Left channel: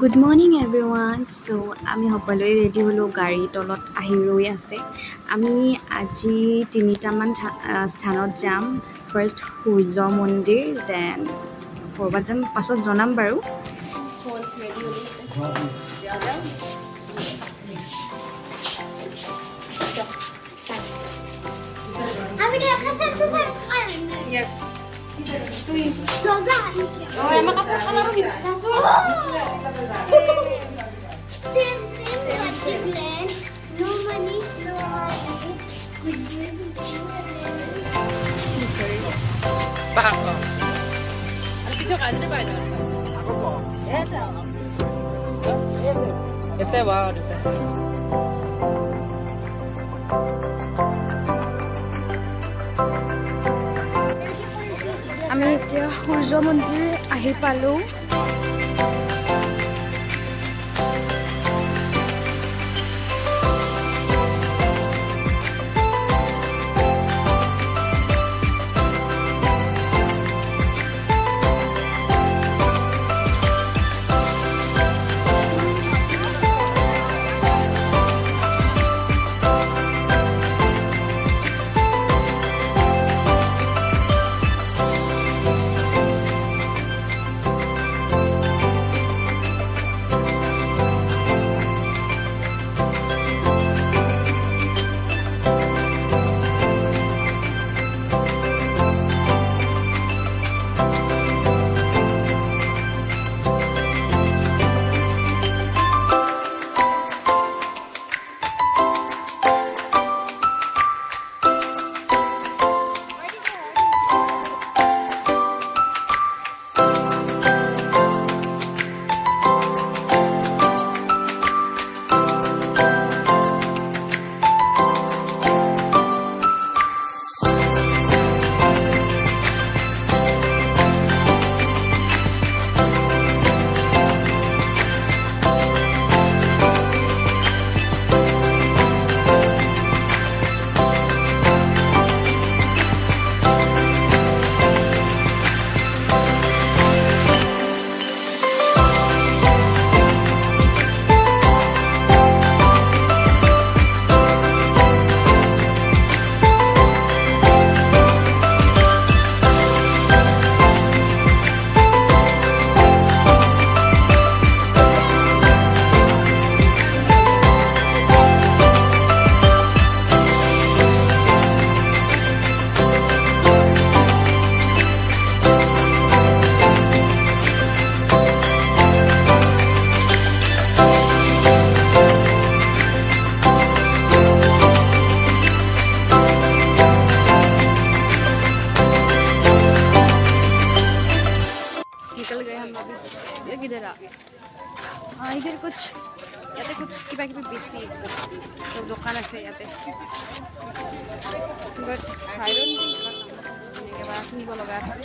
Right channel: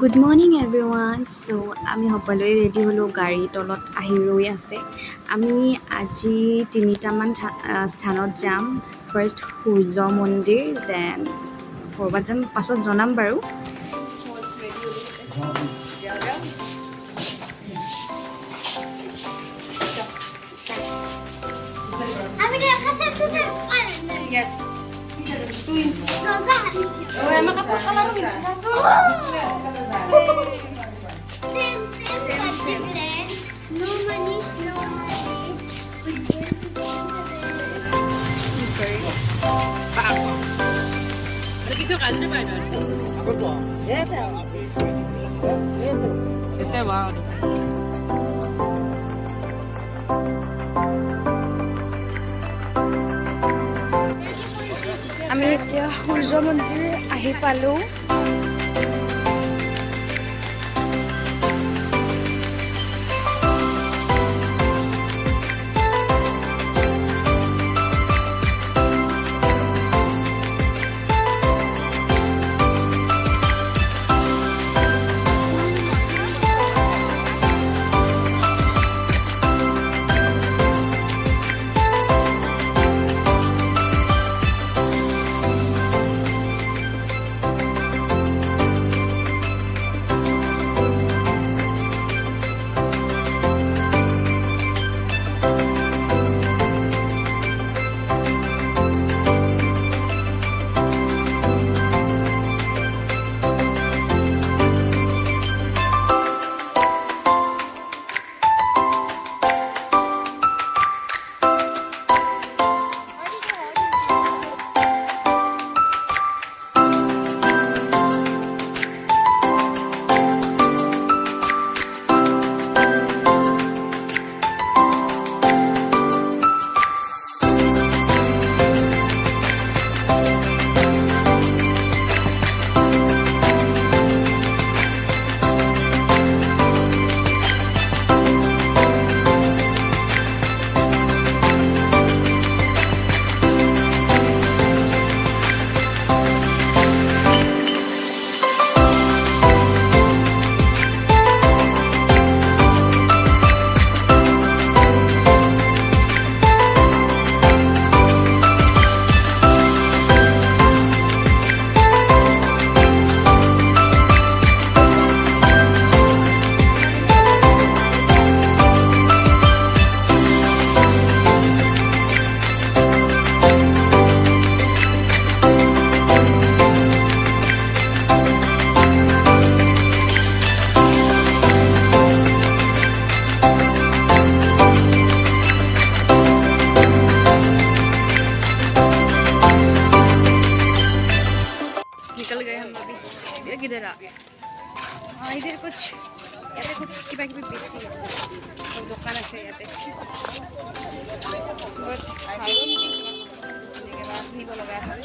Good morning everyone. আমি সকলোৱে ৰেডি হ'লোঁ, গাড়ীৰ তলত আহি ৰৈ আছে। আমি আজি তিনিটামান স্থানত যাম। ফাৰ্ষ্ট সূৰ্য মন্দিৰ, দেন ক'ৰবাত যাম, পাছত জনাম বাৰু। Yes. Oh, emang apa kalau bisa sasu? আমি এতিয়া সূৰ্য মন্দিৰ আহি পালোঁ। निकल गए हम अभी। ये किधर आ? हाँ, इधर कुछ याते कुछ किबा किबि बेसी আছে, তো দোকান আছে ইয়াতে। বাট আইৰন কিবা কিনিব লগা আছে।